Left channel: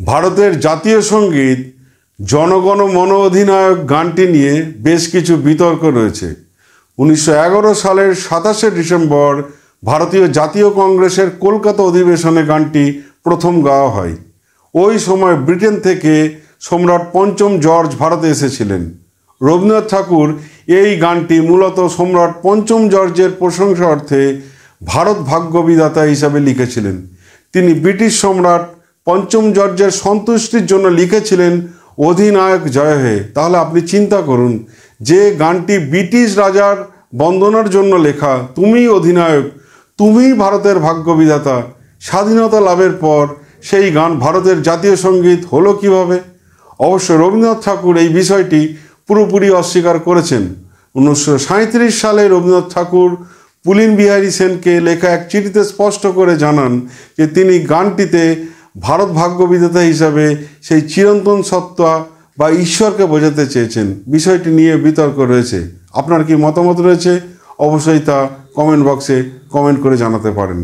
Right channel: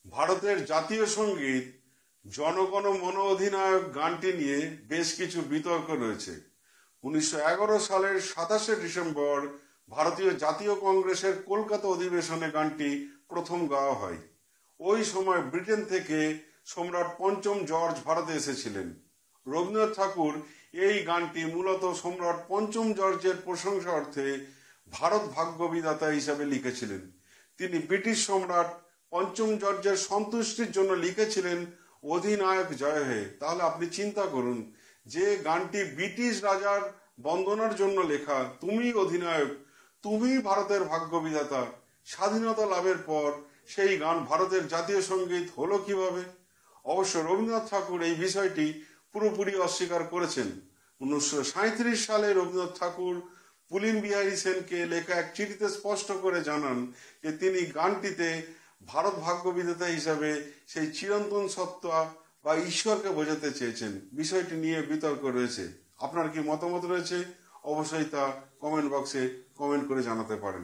ভারতের জাতীয় সঙ্গীত জনগণ মন অধিনায়ক গানটি নিয়ে বেশ কিছু বিতর্ক রয়েছে। 1911 সালের 27শে ডিসেম্বর ভারতীয় জাতীয় কংগ্রেসের কলকাতা অধিবেশনে গানটি প্রথম গাওয়া হয়। ওই সময় ব্রিটেন থেকে সম্রাট পঞ্চম জর্জ ভারতে এসেছিলেন। রবীন্দ্রনাথ ঠাকুর এই গানটি মূলত সম্রাট পঞ্চম জর্জের প্রশংসার্থে ভারত ভাগ্য বিধাতা হিসাবে লিখেছিলেন। তিনি ব্রিটিশ সম্রাট পঞ্চম জর্জের সন্তুষ্টির জন্য লিখেছিলেন অধিনায়ক জয় হে। তাহলে আপনি চিন্তা করুন, যে গানটি ব্রিটিশ রাজার বন্দনার জন্য লেখা, তুমি অধিনায়ক, তুমি ভারতের ভাগ্য বিধাতা, স্বাধীনতা লাভের পর সেই গান ভারতের জাতীয় সঙ্গীত হলো কিভাবে? অবশ্য রবীন্দ্রনাথ ঠাকুর এই বিষয়টি পুরোপুরি অস্বীকার করেছেন। 1937 সালে রবীন্দ্রনাথ ঠাকুর পুলিন বিহারী সেনকে লেখা এক চিঠিতে স্পষ্ট করে জানান যে তিনি গানটিতে ভারত ভাগ্য বিধাতা হিসাবে সেই চিরন্তন সত্তা বা ঈশ্বরকে বোঝাতে চেয়েছেন। বিষয়টি নিয়ে বিতর্ক রয়েছে। আপনার কি মতামত রয়েছে? অবশ্যই তা কমেন্ট বক্সে কমেন্ট করে জানাতে পারেন।